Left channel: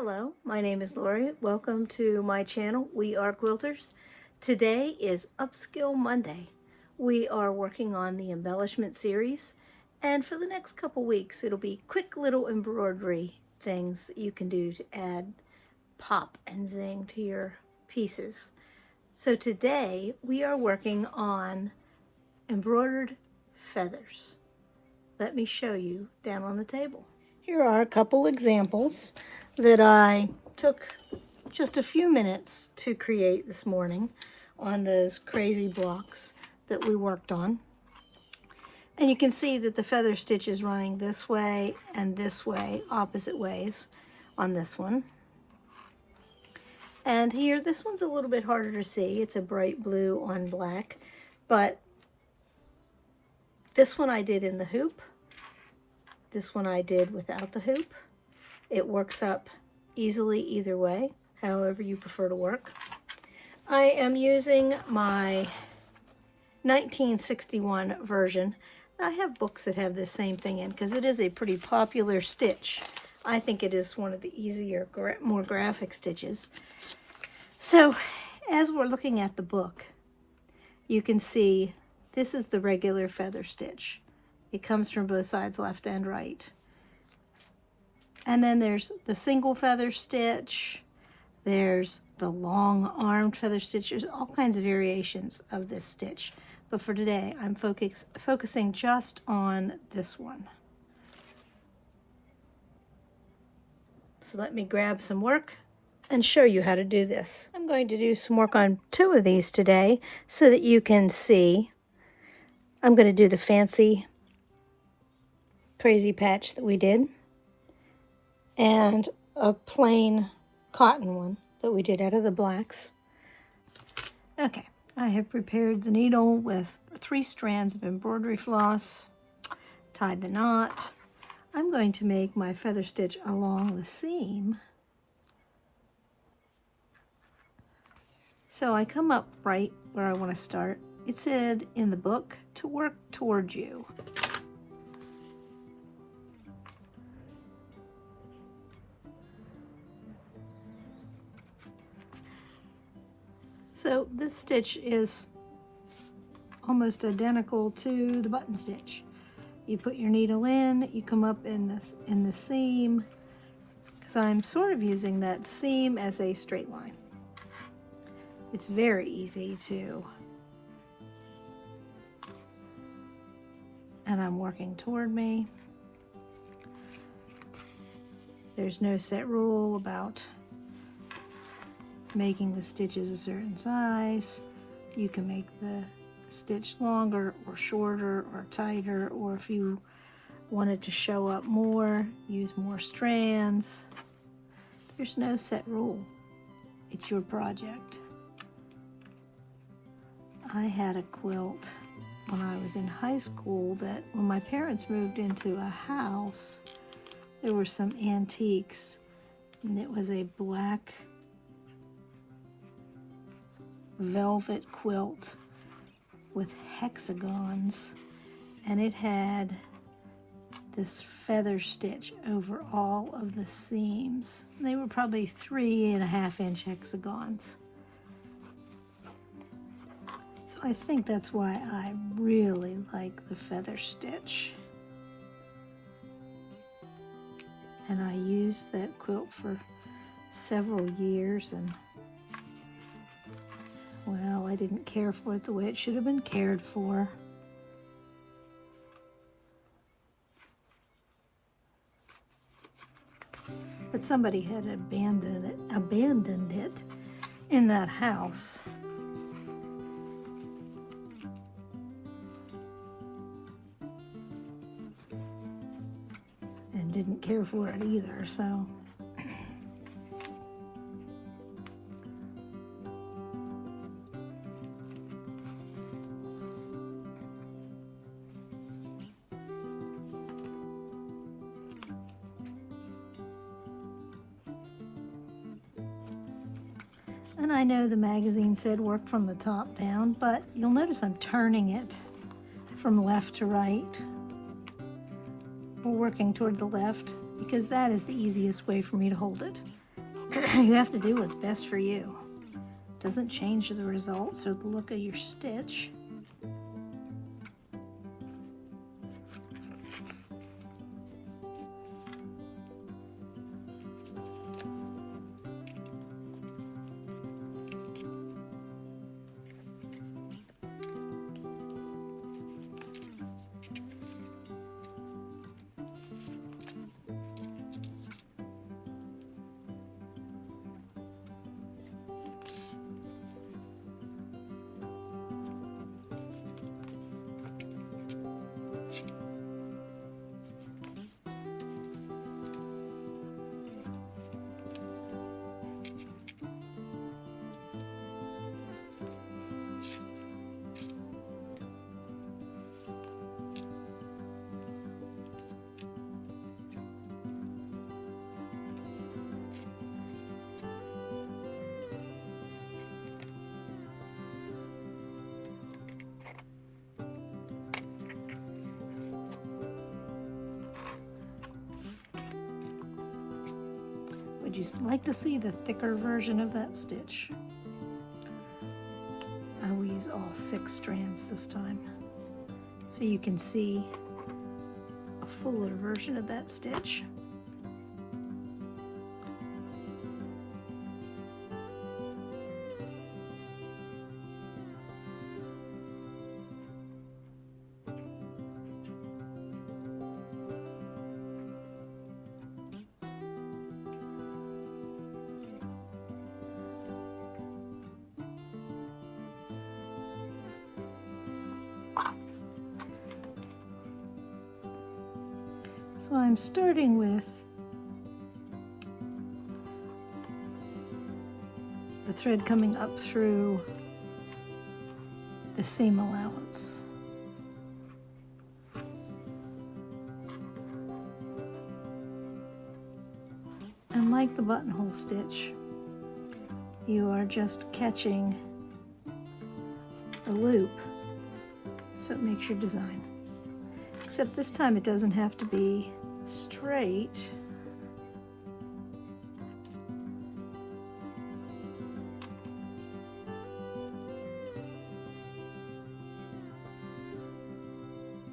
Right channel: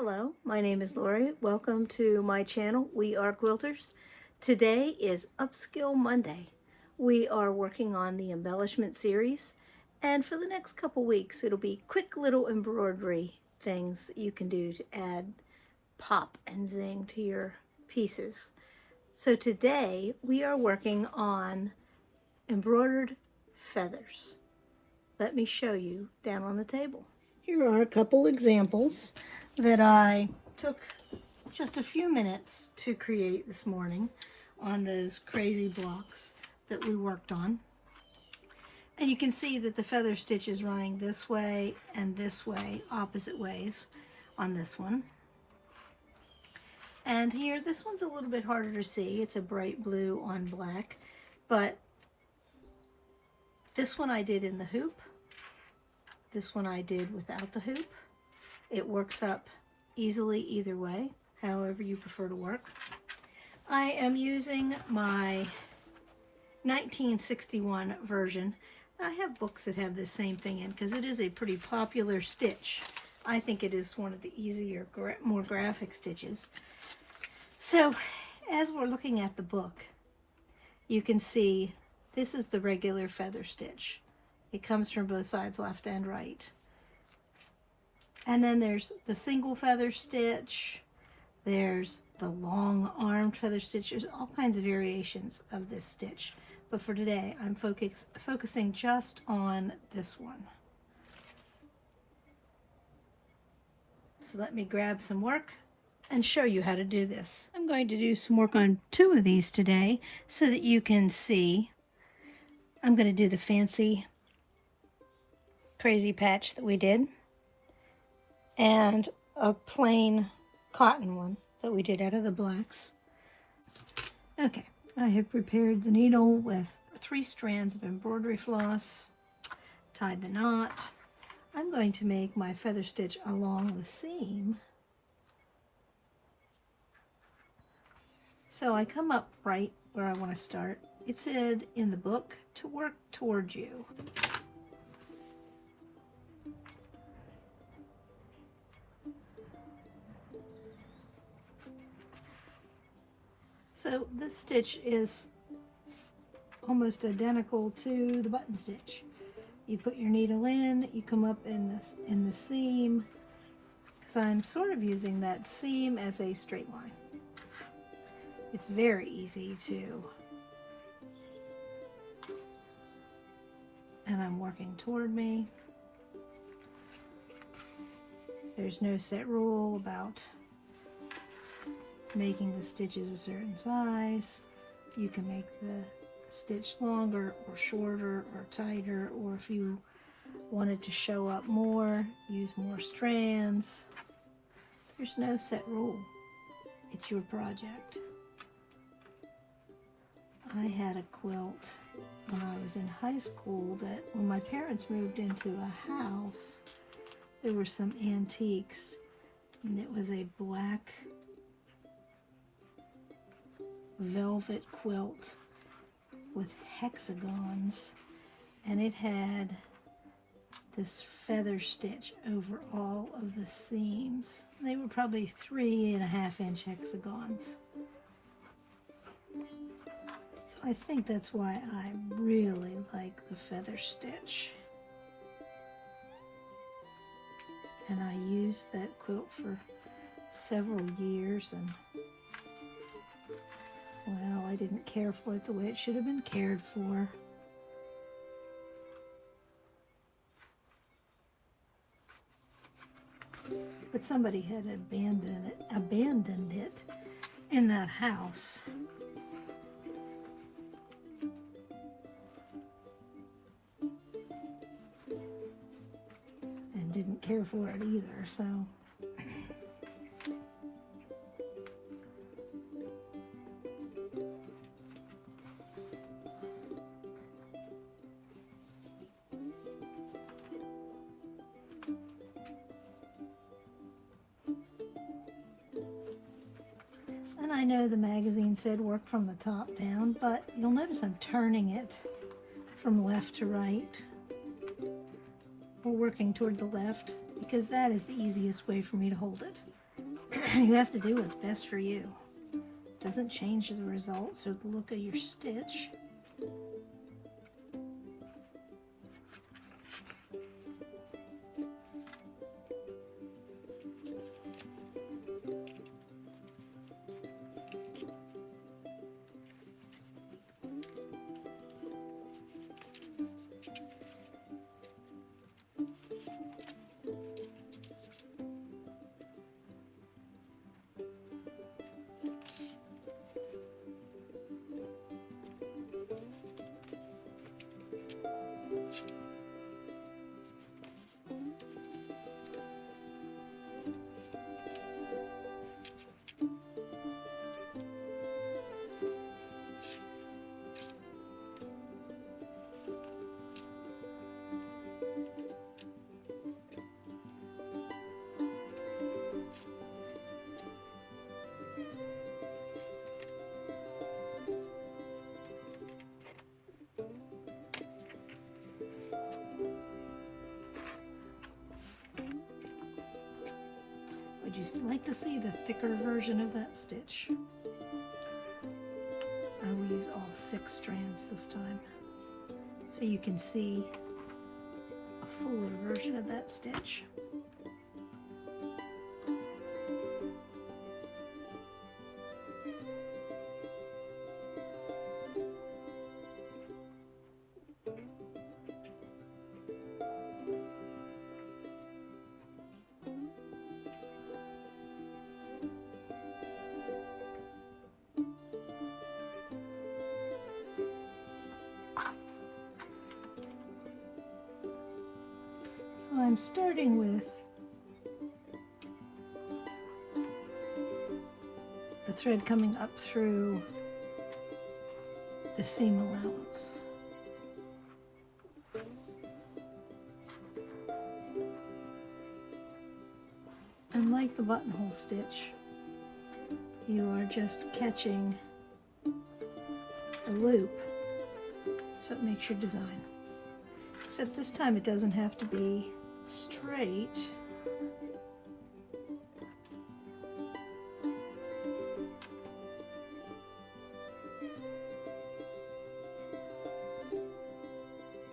Hello, my name is Lorrie. Welcome to my channel. We are quilters. Today is Upskill Monday. We are working on the embellishment series, and for the next couple weeks it'll be quick little embroidery things that you can do to add pop and zing to your pieces. So today we are working on embroidered feathers. Let me show you down on the table. Here are a couple examples that I took just a few minutes to create this morning on those crazy blocks that we worked on. And you can see that the feather stitch is running this way and this way, opposite ways on this one. And here, this one's a little bit harder to see. It's a bright blue on black, but this one I did in the hoop. This one I did without the hoop. It works up easily either way, however you prefer to work. I am using my 1961 version. I have books that have the same thing in because it is a pretty popular stitch. I think it is one of the easier, more graphic stitches. So as we're looking at the book, you can see this is the regular feather stitch. It comes from both sides, left and right. And then there's the single feather stitch. There's the long armed feather stitch. There's all kinds of variations of this stitch. But for today, I'm focusing just on this one. So let me grab some work and show you how to do this. I'm going to do some work on two of these today so that you can see. I'm going to do the fancy crazy patch that we did, and a plain cotton one that we did out of the blacks. Okay, I have prepared the needle with 3 strands of embroidery floss, tied the knot. I'm going to make my feather stitch along the seam. So I come up right where I want to start. It said in the book to work toward you. So this stitch is almost identical to the button stitch. You put your needle in, you come up in the seam, because I'm sort of using that seam as a straight line. It's very easy to, and I'm working toward me. There's no set rule about making the stitches a certain size. You can make the stitch longer or shorter or tighter, or if you want it to show up more, use more strands. There's no set rule. It's your project. I had a quilt when I was in high school that when my parents moved into a house, there were some antiques, and it was a black velvet quilt with hexagons, and it had this feather stitch over all of the seams. They were probably 3.5-inch hexagons. So I think that's why I really like the feather stitch. And I used that quilt for several years, and well, I didn't care for it the way it should have been cared for. But somebody had abandoned it in that house. And didn't care for it either, so. And I know the magazine said work from the top down, but you'll notice I'm turning it from left to right. We're working toward the left because that is the easiest way for me to hold it. You have to do what's best for you. Doesn't change the results or the look of your stitch. Would you like to see the thicker version of that stitch? I will use all 6 strands this time, so you can see a fuller version of that stitch. So I'm starting with the thread coming up through the seam allowance. And like the buttonhole stitch, you are just catching the loop so it makes your design. Except this time it doesn't have to be straight.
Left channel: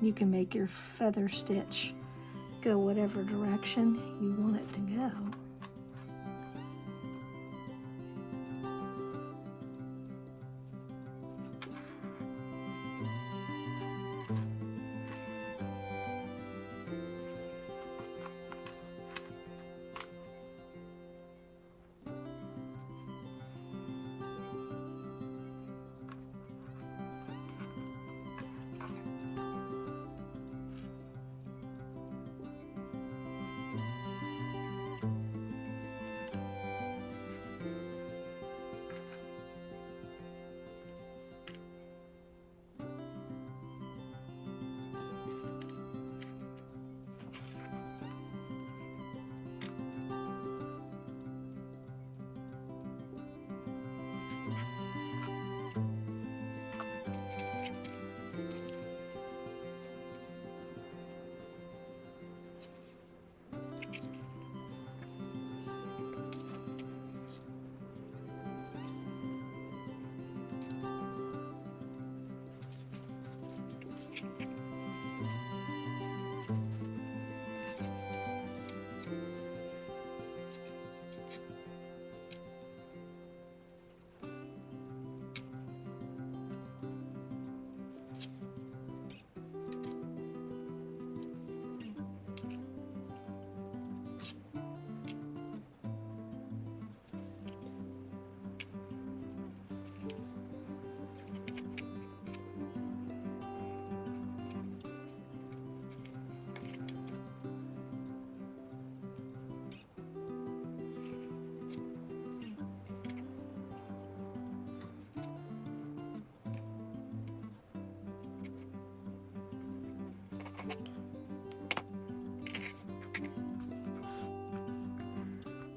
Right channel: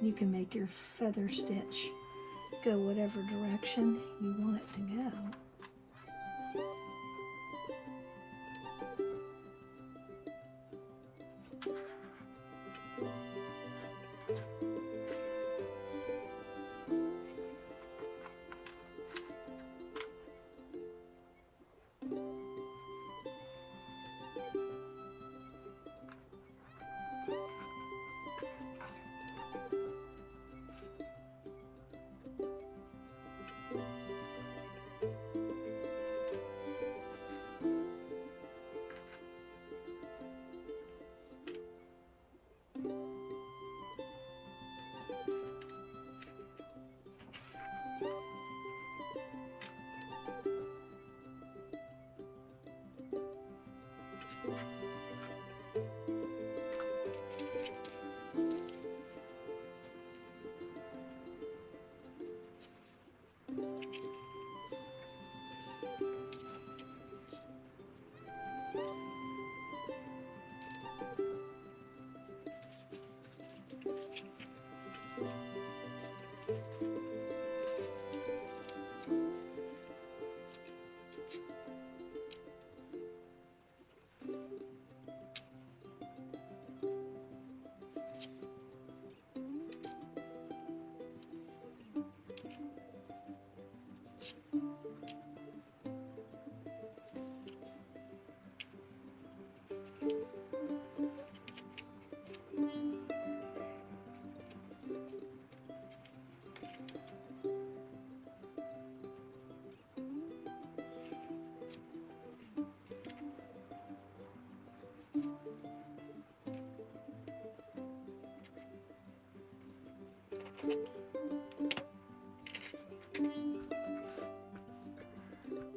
You can make your feather stitch go whatever direction you want it to go.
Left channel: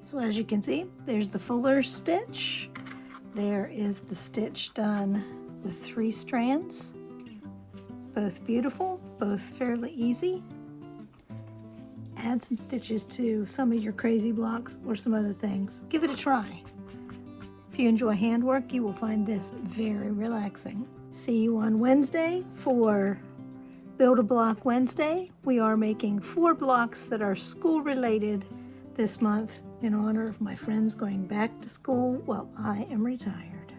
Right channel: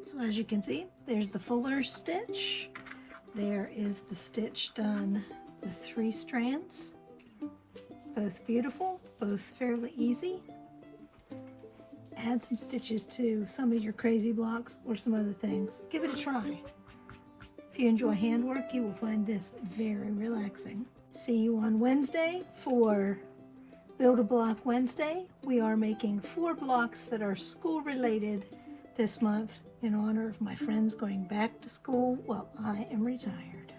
So as you can see, there's the fuller stitch. There is the stitch done with 3 strands. Both beautiful, both fairly easy. add some stitches to some of your crazy blocks or some other things. Give it a try. If you enjoy handwork, you will find this very relaxing. See you on Wednesday for Build a Block Wednesday. We are making 4 blocks that are school related this month in honor of my friends going back to school while I am retired.